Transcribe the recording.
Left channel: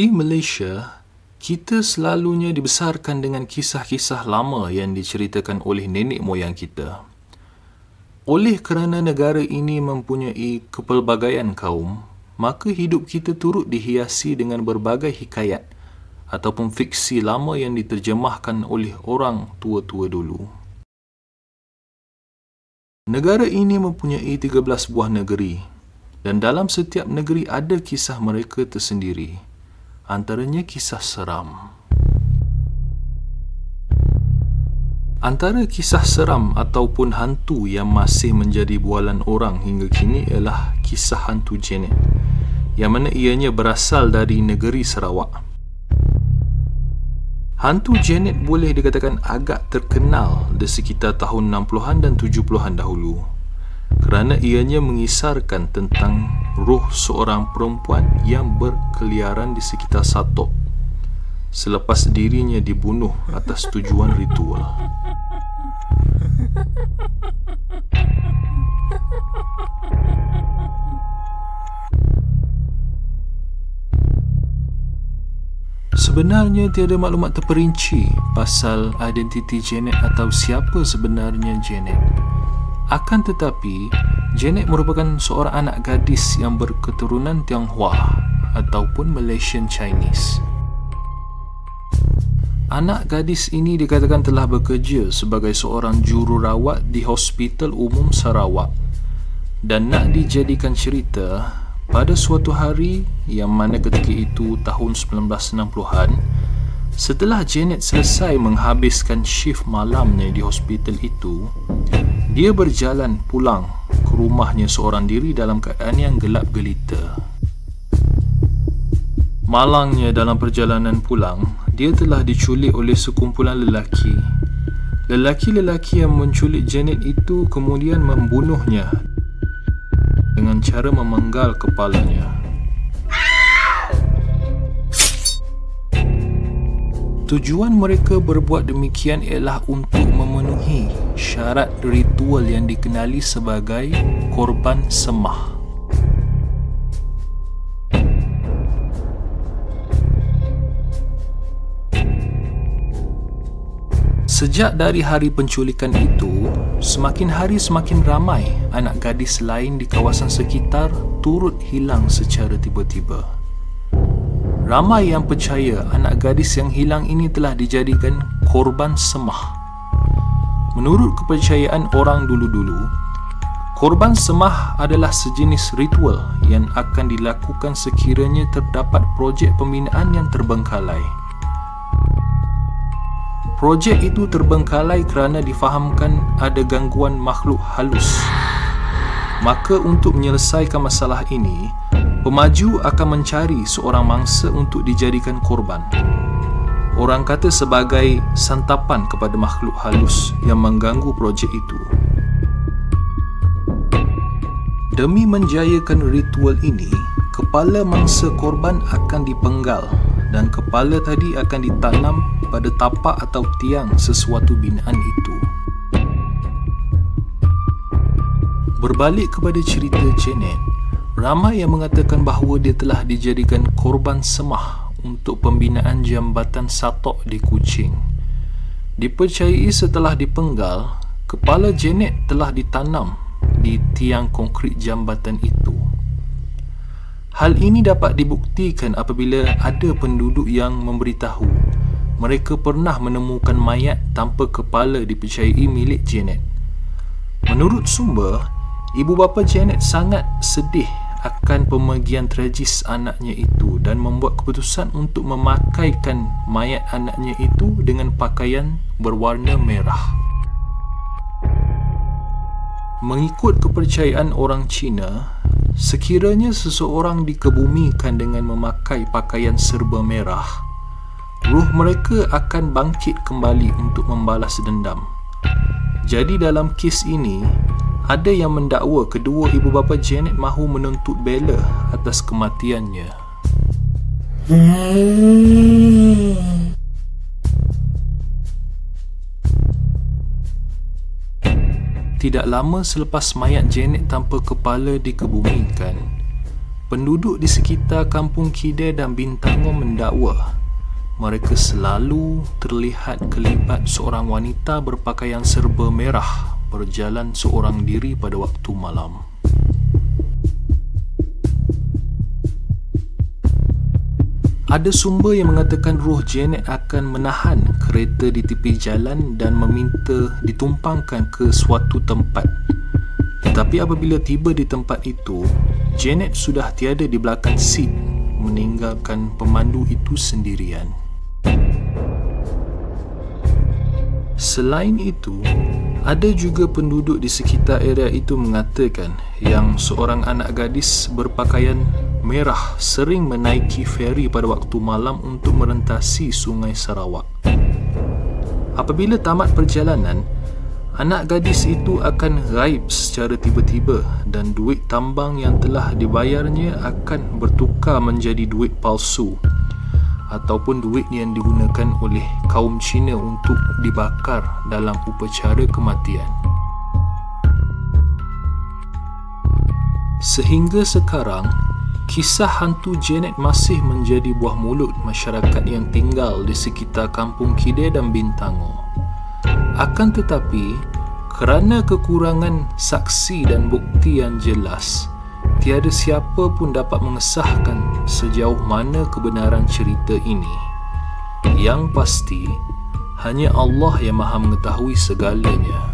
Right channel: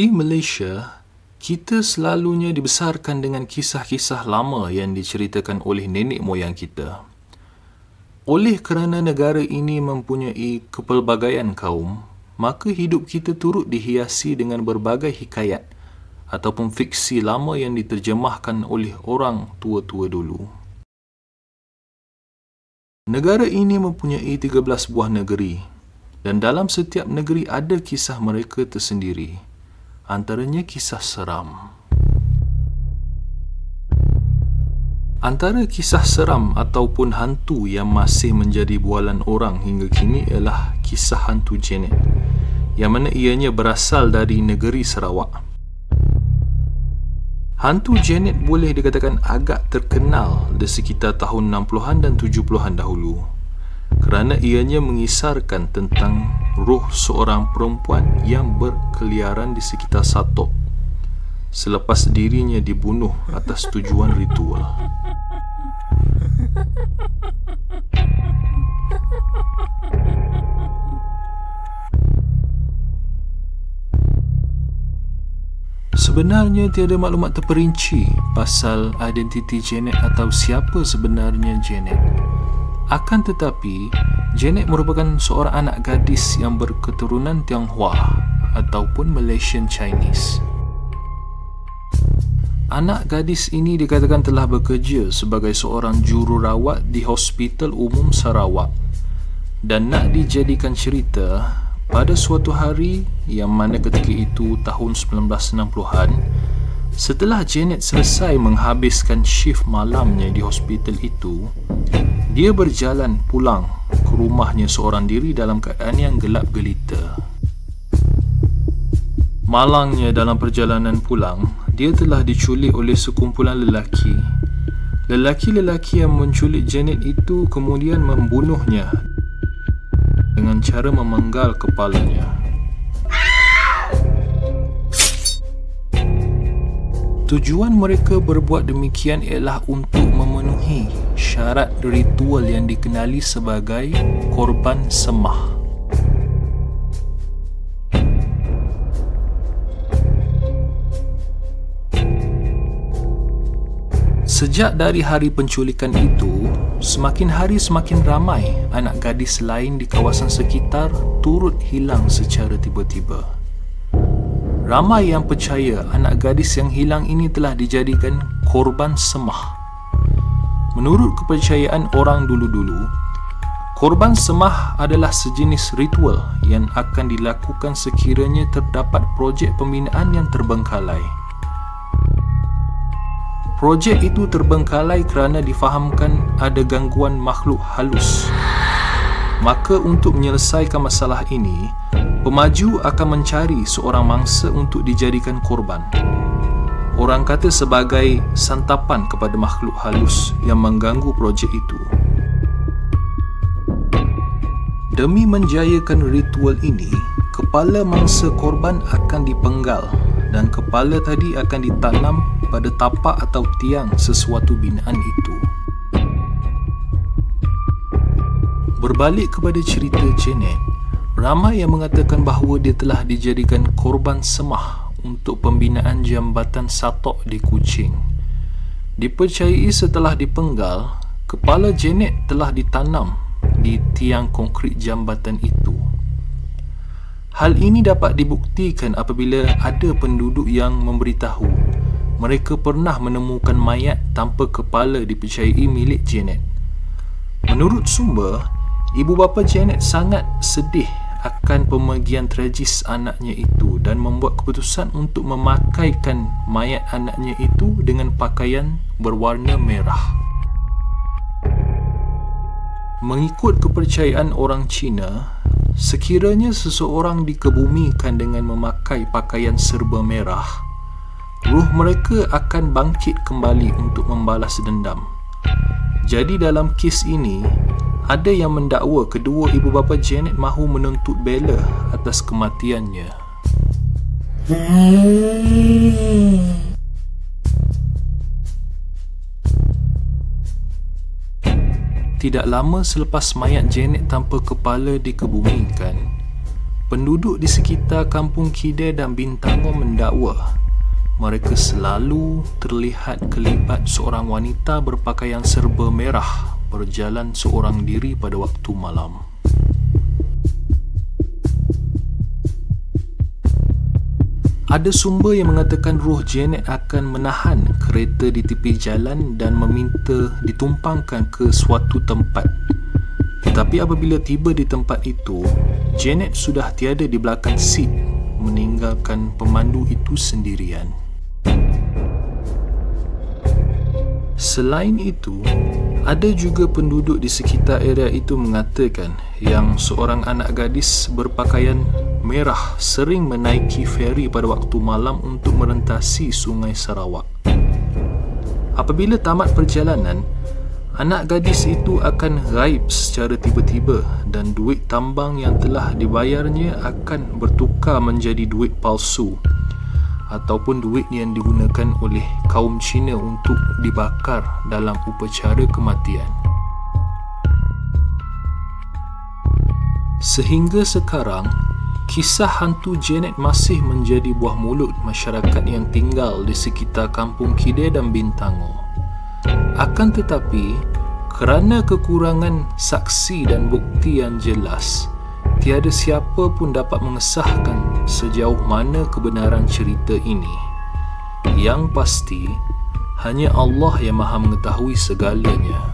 Di Malaysia, kita selalunya dibesarkan dengan kisah-kisah lama yang diceritakan oleh nenek moyang kita. Oleh kerana negara ini mempunyai kepelbagaian kaum, maka hidup kita turut dihiasi dengan berbagai hikayat ataupun fiksi lama yang diterjemahkan oleh orang tua-tua dulu. Negara ini mempunyai 13 buah negeri, dan dalam setiap negeri ada kisah mereka tersendiri. Antaranya kisah seram. Antara kisah seram ataupun hantu yang masih menjadi bualan orang hingga kini ialah kisah hantu Janet, yang mana ianya berasal dari negeri Sarawak. Hantu Janet boleh dikatakan agak terkenal di sekitar tahun 60-an dan 70-an dahulu, kerana ianya mengisarkan tentang roh seorang perempuan yang berkeliaran di sekitar Satok selepas dirinya dibunuh atas tujuan ritual. Sebenarnya tiada maklumat terperinci pasal identiti Janet atau siapa sebenarnya Janet. Akan tetapi, Janet merupakan seorang anak gadis yang berketurunan Tionghoa ataupun Malaysian Chinese. Anak gadis ini dikatakan telah bekerja sebagai seorang jururawat di Hospital Umum Sarawak dan nak dijadikan cerita pada suatu hari yang mana ketika itu tahun 1960-an, setelah Janet selesai menghabiskan shift malamnya di hospital itu, dia berjalan pulang ke rumahnya seorang diri dalam keadaan yang gelap gelita. Malangnya dalam perjalanan pulang, dia telah diculik oleh sekumpulan lelaki. Lelaki-lelaki yang menculik Janet itu kemudian membunuhnya dengan cara memenggal kepalanya. Tujuan mereka berbuat demikian ialah untuk memenuhi syarat ritual yang dikenali sebagai korban semah. Sejak dari hari penculikan itu, semakin hari semakin ramai anak gadis lain di kawasan sekitar turut hilang secara tiba-tiba. Ramai yang percaya anak gadis yang hilang ini telah dijadikan korban semah. Menurut kepercayaan orang dulu-dulu, korban semah adalah sejenis ritual yang akan dilakukan sekiranya terdapat projek pembinaan yang terbengkalai. Projek itu terbengkalai kerana difahamkan ada gangguan makhluk halus. Maka untuk menyelesaikan masalah ini, pemaju akan mencari seorang mangsa untuk dijadikan korban. Orang kata sebagai santapan kepada makhluk halus yang mengganggu projek itu. Demi menjayakan ritual ini, kepala mangsa korban akan dipenggal dan kepala tadi akan ditanam pada tapak atau tiang sesuatu binaan itu. Berbalik kepada cerita Janet, ramai yang mengatakan bahawa dia telah dijadikan korban semah untuk pembinaan jambatan Satok di Kuching. Dipercayai setelah dipenggal, kepala Janet telah ditanam di tiang konkrit jambatan itu. Hal ini dapat dibuktikan apabila ada penduduk yang memberitahu mereka pernah menemukan mayat tanpa kepala dipercayai milik Janet. Menurut sumber, ibu bapa Janet sangat sedih akan pemergian tragis anaknya itu dan membuat keputusan untuk memakaikan mayat anaknya itu dengan pakaian berwarna merah. Mengikut kepercayaan orang Cina, sekiranya seseorang dikebumikan dengan memakai pakaian serba merah, ruh mereka akan bangkit kembali untuk membalas dendam. Jadi dalam kes ini, ada yang mendakwa kedua ibu bapa Janet mahu menuntut bela atas kematiannya. Tidak lama selepas mayat Janet tanpa kepala dikebumikan, penduduk di sekitar Kampung Kidai dan Bintangor mendakwa mereka selalu terlihat kelibat seorang wanita berpakaian serba merah berjalan seorang diri pada waktu malam. Ada sumber yang mengatakan roh Janet akan menahan kereta di tepi jalan dan meminta ditumpangkan ke suatu tempat. Tetapi apabila tiba di tempat itu, Janet sudah tiada di belakang seat, meninggalkan pemandu itu sendirian. Selain itu, ada juga penduduk di sekitar area itu mengatakan yang seorang anak gadis berpakaian merah sering menaiki feri pada waktu malam untuk merentasi Sungai Sarawak. Apabila tamat perjalanan, anak gadis itu akan gaib secara tiba-tiba dan duit tambang yang telah dibayarnya akan bertukar menjadi duit palsu ataupun duit yang digunakan oleh kaum Cina untuk dibakar dalam upacara kematian. Sehingga sekarang, kisah hantu Janet masih menjadi buah mulut masyarakat yang tinggal di sekitar Kampung Kidai dan Bintangor. Akan tetapi, kerana kekurangan saksi dan bukti yang jelas, tiada siapa pun dapat mengesahkan sejauh mana kebenaran cerita ini. Yang pasti, hanya Allah yang Maha mengetahui segalanya.